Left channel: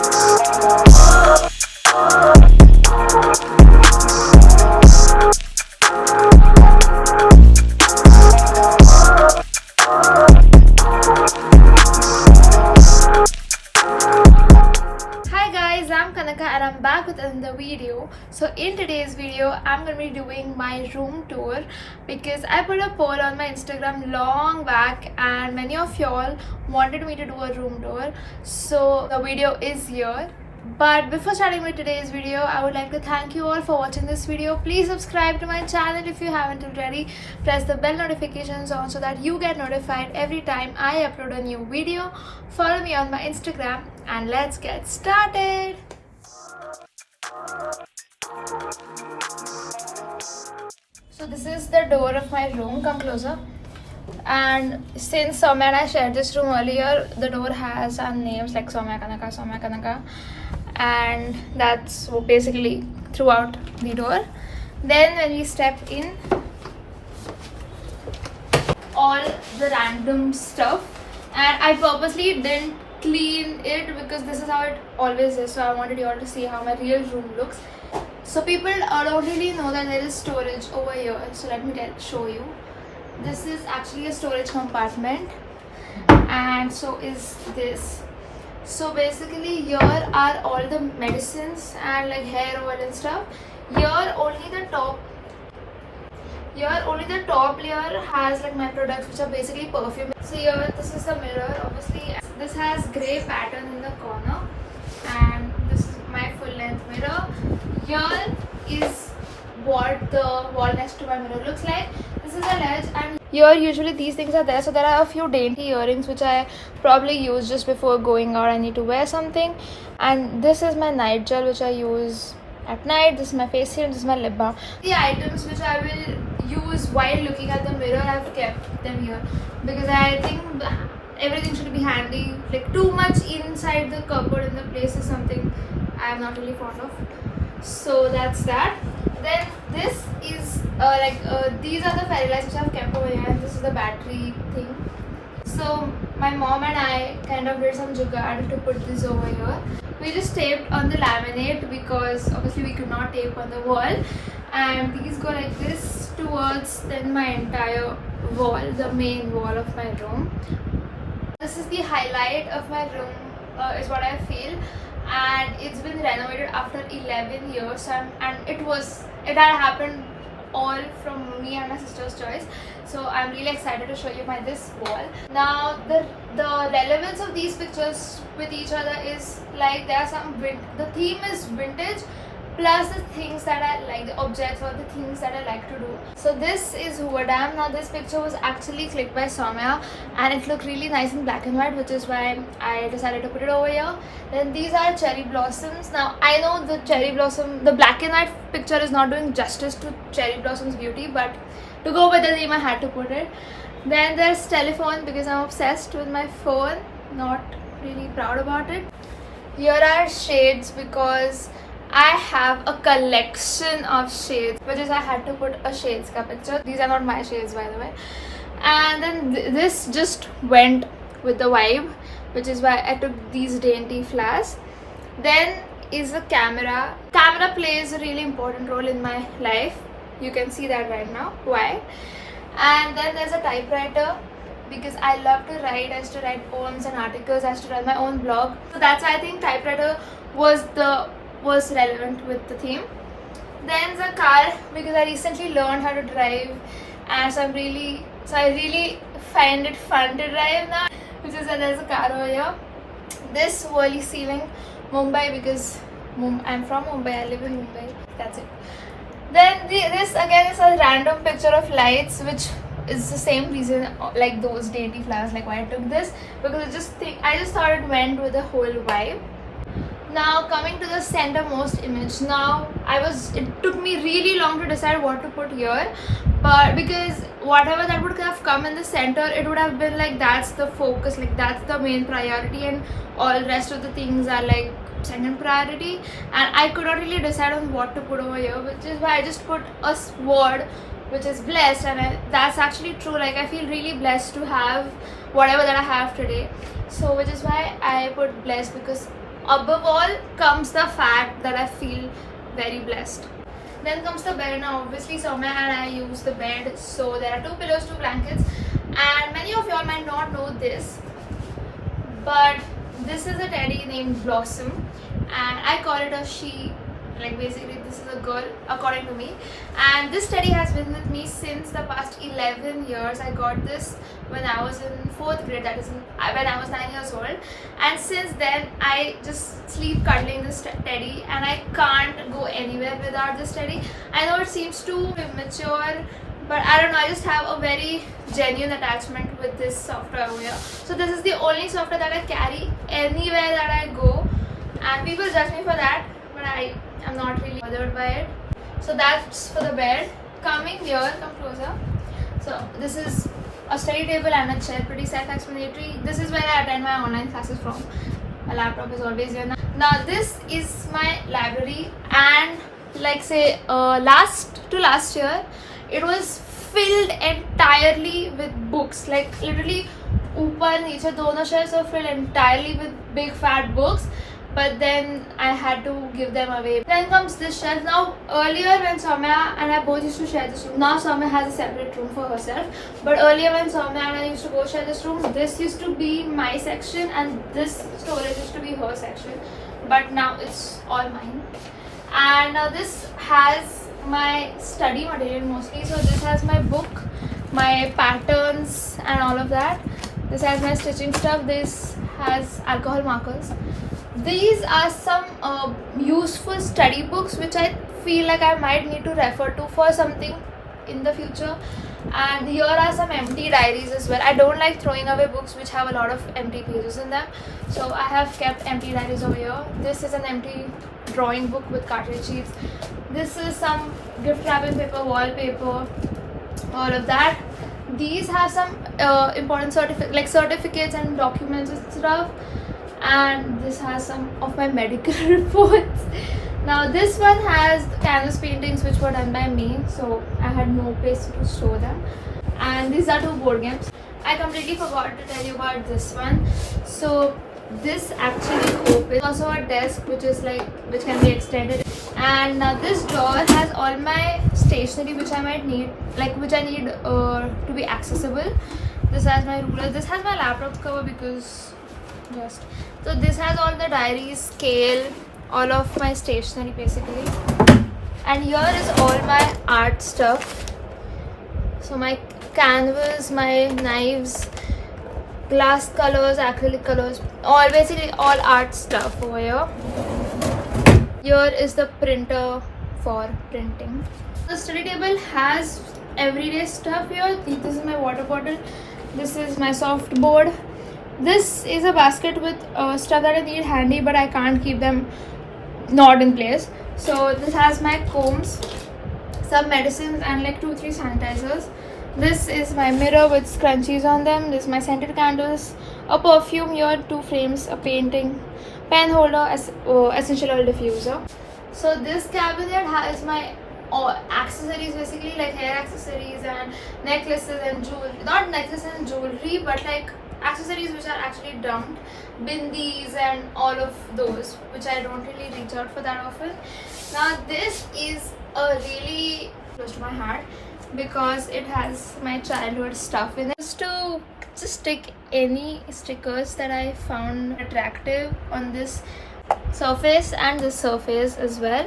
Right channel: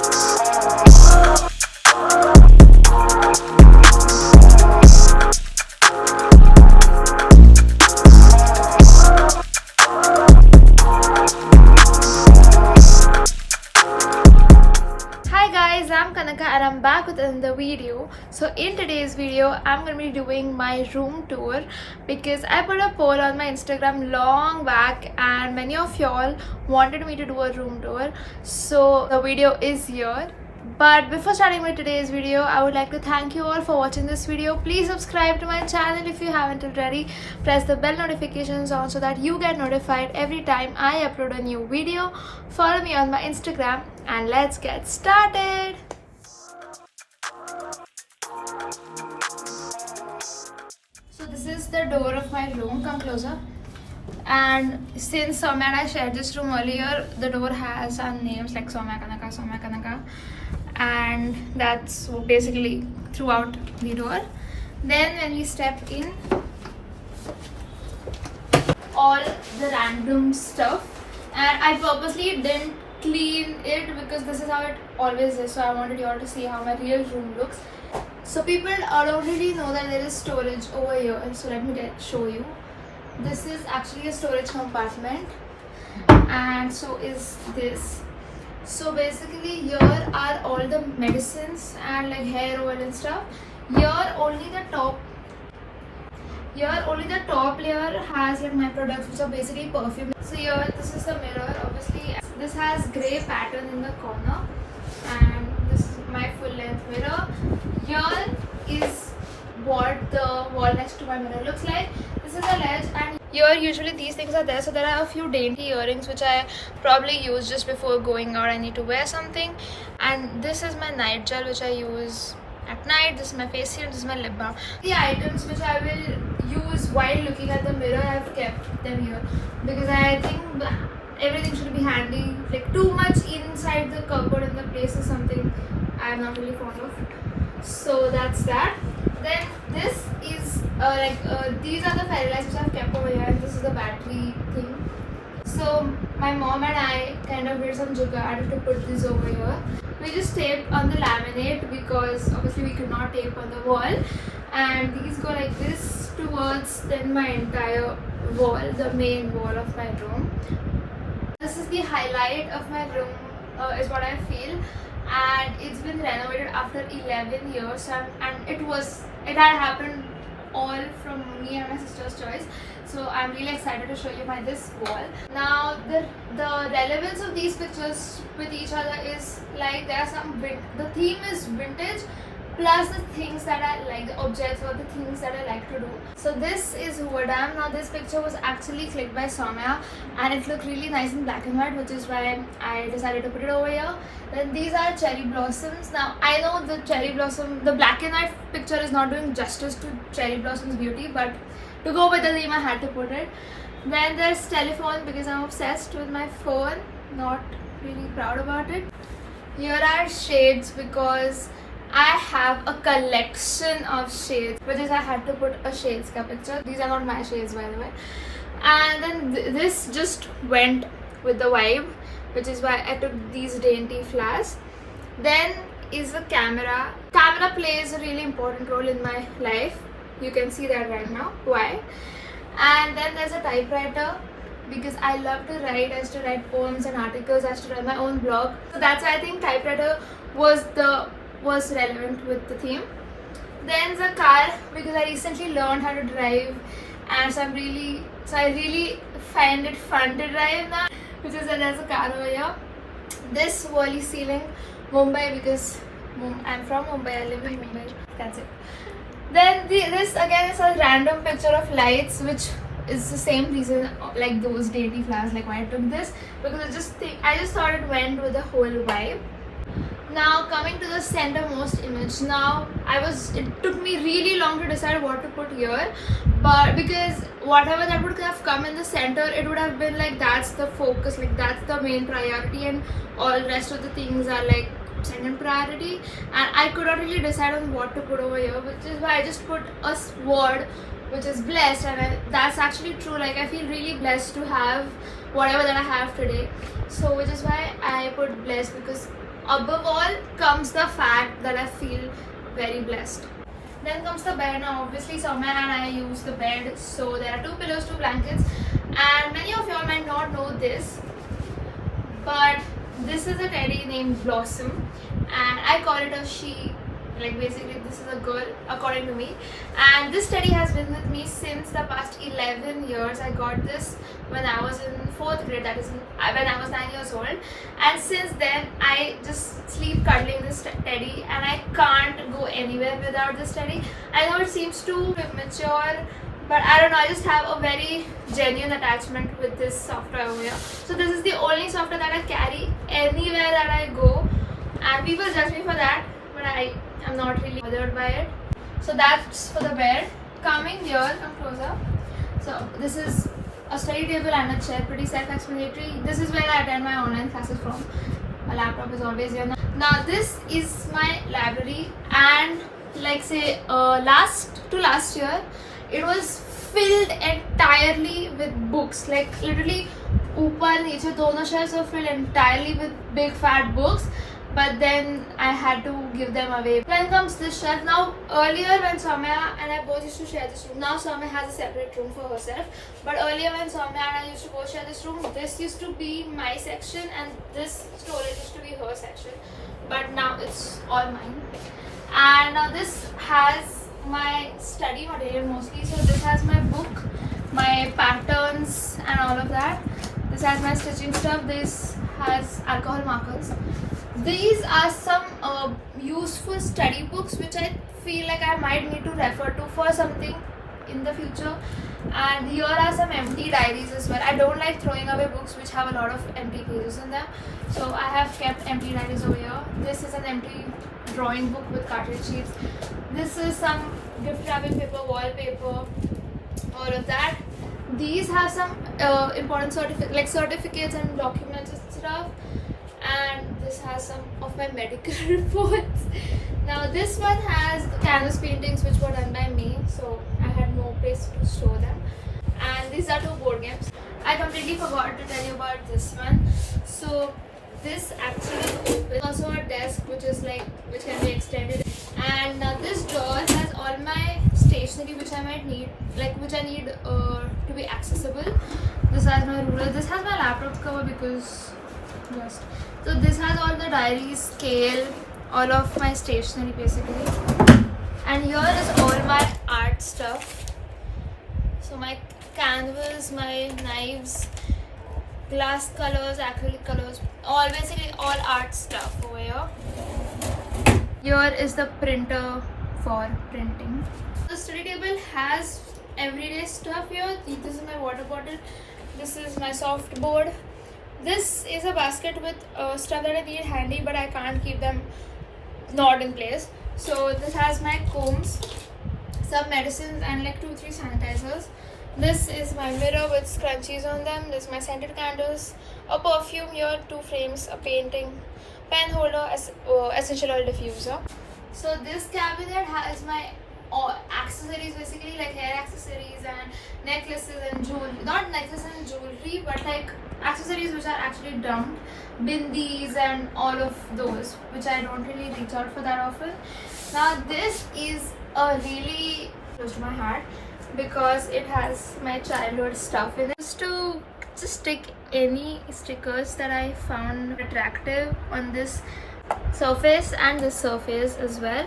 I'm Kanaka and I'm back with another video. So in today's video I'm gonna be doing my room tour because I put a poll on my Instagram long back and many of y'all wanted me to do a room tour, so the video is here. But before starting with today's video, I would like to thank you all for watching this video. Please subscribe to my channel if you haven't already. Press the bell notifications on so that you get notified every time I upload a new video. Follow me on my Instagram and let's get started. So this is the door of my room. Come closer. And since Soumya and I shared this room earlier, the door has some names like Soumya Kanaka, and that's basically throughout the door. Then when we step in, all the random stuff, and I purposely didn't clean it because this is how it always is, so I wanted you all to see how my real room looks. So people already know that there is storage over here, so let me show you. This is actually a storage compartment, and so is this. So basically here are all the medicines and like hair oil and stuff. Here only the top layer has like my products, which are basically perfume. So here this is the mirror. Obviously this has grey pattern in the corner, and this is my full length mirror. Here is what the wall next to my mirror looks like. This is a ledge, and here usually these things are there. So there are a few dainty earrings which I probably use just before going out. I need to wear something. And this is my night gel which I use at night. This is my face serum. This is my lip balm. The items which I will use while looking at the mirror, I've kept them here because I think everything should be handy. Like too much inside the cupboard in the place is something I'm not really fond of. So that's that. Then this is these are the fairy lights which I've kept over here, and this is the battery thing. So my mom and I kind of did some jugaad to put this over here. We just taped on the laminate because obviously we could not tape on the wall, and these go like this towards then my entire wall, the main wall of my room. This is the highlight of my room, is what I feel. And it's been renovated after 11 years, and it had happened all from me and my sister's choice. So I'm really excited to show you this wall. Now the relevance of these pictures with each other is like there are the theme is vintage plus the things that I like, the objects or the things that I like to do. So this is Hoover Dam. Now this picture was actually clicked by Soumya and it looked really nice in black and white, which is why I decided to put it over here. Then these are cherry blossoms. Now I know the black and white picture is not doing justice to cherry blossoms beauty, but to go with the theme I had to put it. Then there's telephone because I'm obsessed with my phone, not really proud about it. Here are shades because I have a collection of shades, which is I had to put a shades ka picture. These are not my shades, by the way. And then this just went with the vibe, which is why I took these dainty flowers. Then is the camera. Camera plays a really important role in my life. You can see that right now. Why? And then there's a typewriter because I love to write. I used to write poems and articles. I used to write my own blog. So that's why I think typewriter was relevant with the theme. Then the car because I recently learned how to drive, and so I really find it fun to drive now, which is there's a car over here. This Worli ceiling, Mumbai, because I'm from Mumbai, I live in Mumbai. That's it. Then this again is a random picture of lights, which is the same reason like those dainty flowers, like why I took this, because I just thought it went with the whole vibe. Now coming to the centermost image. Now it took me really long to decide what to put here, but because whatever that would have come in the center, it would have been like that's the focus, like that's the main priority, and all rest of the things are like second priority, and I could not really decide on what to put over here, which is why I just put a word which is blessed, and that's actually true. Like I feel really blessed to have whatever that I have today, so which is why I put blessed, because Above all comes the fact that I feel very blessed. Then comes the bed. Now obviously Soumya and I use the bed, so there are 2 pillows, 2 blankets, and many of y'all might not know this, but this is a teddy named Blossom, and I call it a she. Like basically this is a girl according to me, and this teddy has been with me since the past 11 years. I got this when I was in 4th grade, that is when I was 9 years old, and since then I just sleep cuddling this teddy, and I can't go anywhere without this teddy. I know it seems too immature, but I don't know, I just have a very genuine attachment with this soft toy over here. So this is the only soft toy that I carry anywhere that I go, and people judge me for that, but I'm not really bothered by it. So that's for the bed. Coming here, come closer. So this is a study table and a chair, pretty self-explanatory. This is where I attend my online classes from. My laptop is always here. Now this is my library, and like say last year, it was filled entirely with books. Like literally, ऊपर नीचे दोनों shelves were filled entirely with big fat books. But then I had to give them away. Then comes this shelf. Now earlier when Soumya and I both used to share this room, now Soumya has a separate room for herself, but earlier when Soumya and I used to both share this room, this used to be my section and this storage used to be her section, but now it's all mine. And now this has my study material mostly. So this has my book, my patterns and all of that. This has my stitching stuff. This has alcohol markers. These are some useful study books which I feel like I might need to refer to for something in the future. And here are some empty diaries as well. I don't like throwing away books which have a lot of empty pages in them, so I have kept empty diaries over here. This is an empty drawing book with cartridge sheets. This is some gift wrapping paper, wallpaper, all of that. These have some important certificates and documents and stuff. And this has some of my medical reports. Now this one has canvas paintings which were done by me, so I had no place to store them. And these are 2 board games. I completely forgot to tell you about this one. So this actually opens. Also a desk which can be extended. And now this drawer has all my stationery which I might need, which I need to be accessible. This has my ruler. This has my laptop cover because so this has all the diaries, scale, all of my stationery basically. And here is all my art stuff. So my canvas, my knives, glass colors, acrylic colors, basically all art stuff over here. Here is the printer for printing. The study table has everyday stuff here. This is my water bottle. This is my soft board. This is a basket with stuff that I need handy, but I can't keep them not in place. So this has my combs, some medicines and 2-3 sanitizers. This is my mirror with scrunchies on them. This is my scented candles, a perfume here, 2 frames, a painting, pen holder, essential oil diffuser. So this cabinet has my accessories, basically like hair accessories and necklaces and jewelry. Not necklaces and jewelry, but accessories which are actually dumped, bindis and all of those, which I don't really reach out for that often. Now this is a really close to my heart because it has my childhood stuff in it. To just stick any stickers that I found attractive on this surface and this surface as well.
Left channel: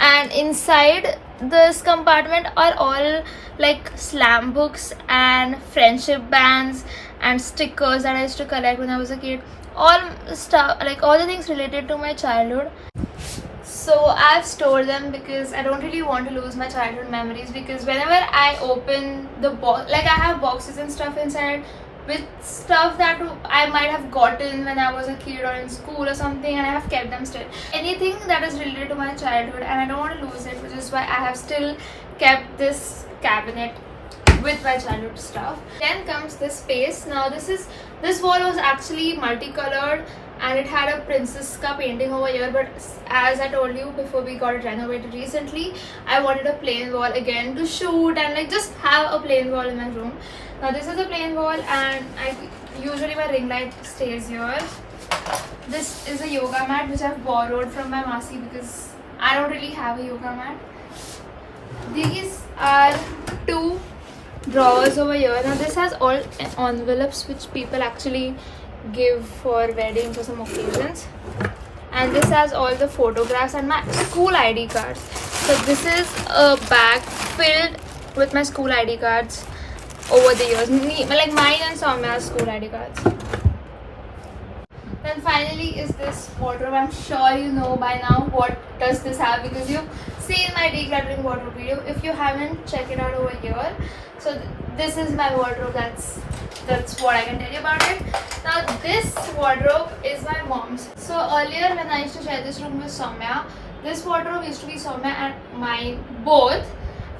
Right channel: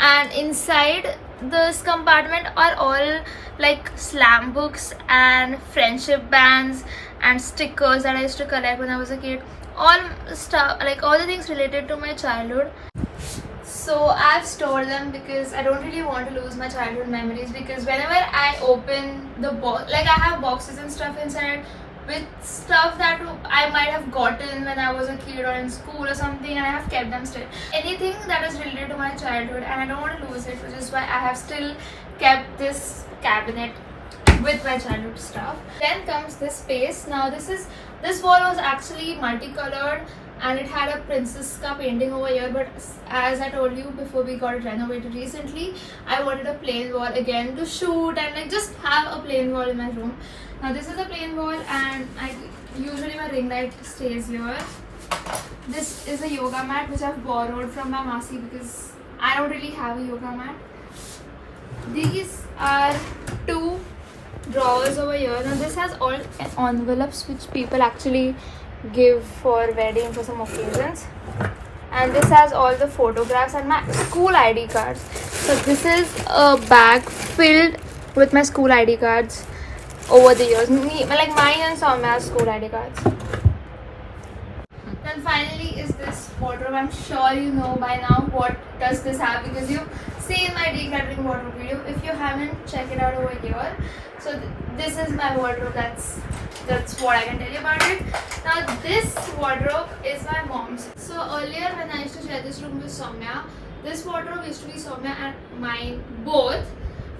And inside this compartment are all slam books and friendship bands and stickers that I used to collect when I was a kid. All stuff, all the things related to my childhood. So I've stored them because I don't really want to lose my childhood memories, because whenever I open the box, I have boxes and stuff inside with stuff that I might have gotten when I was a kid or in school or something, and I have kept them still. Anything that is related to my childhood, and I don't want to lose it, which is why I have still kept this cabinet with my childhood stuff. Then comes this space. Now this wall was actually multicolored and it had a Princess Ka painting over here, but as I told you before, we got it renovated recently. I wanted a plain wall again to shoot and just have a plain wall in my room. Now this is a plain wall, and usually my ring light stays here. This is a yoga mat which I've borrowed from my Masi because I don't really have a yoga mat. These are two drawers over here. Now this has all envelopes which people actually give for weddings or some occasions. And this has all the photographs and my school ID cards. So this is a bag filled with my school ID cards over the years. Like mine and Soumya's school ID cards. Then finally is this wardrobe. I'm sure you know by now what does this have because you've seen my decluttering wardrobe video. If you haven't, check it out over here. So this is my wardrobe. That's what I can tell you about it. Now this wardrobe is my mom's. So earlier when I used to share this room with Soumya, this wardrobe used to be Soumya and mine both.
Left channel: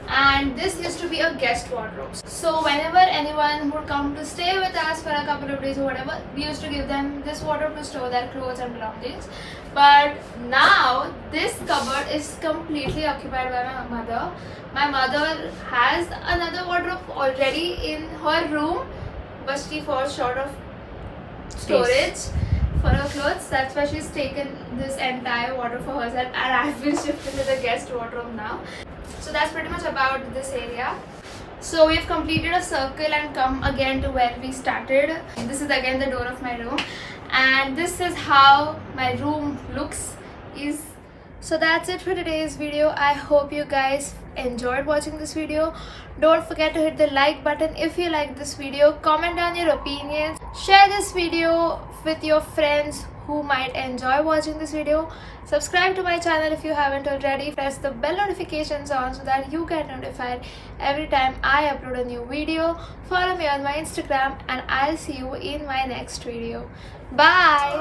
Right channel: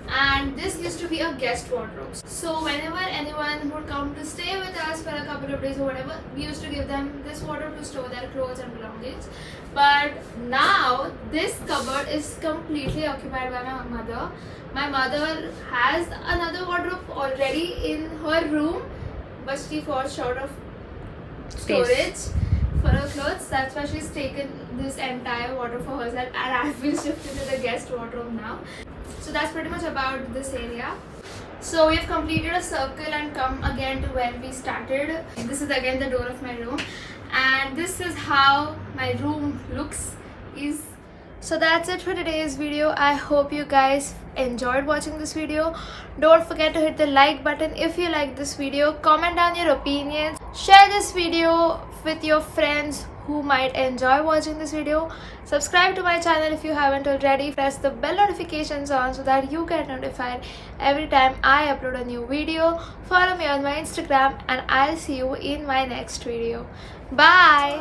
And this used to be a guest wardrobe. So whenever anyone would come to stay with us for a couple of days or whatever, we used to give them this wardrobe to store their clothes and belongings. But now this cupboard is completely occupied by my mother. My mother has another wardrobe already in her room, but she falls short of storage for her clothes. That's why she's taken this entire wardrobe for herself, and I've been shifted to the guest wardrobe now. So that's pretty much about this area. So we have completed a circle and come again to where we started. This is again the door of my room, and this is how my room looks. So that's it for today's video. I hope you guys enjoyed watching this video. Don't forget to hit the like button if you like this video. Comment down your opinions. Share this video with your friends who might enjoy watching this video. Subscribe to my channel if you haven't already. Press the bell notifications on so that you get notified every time I upload a new video. Follow me on my Instagram and I'll see you in my next video. Bye!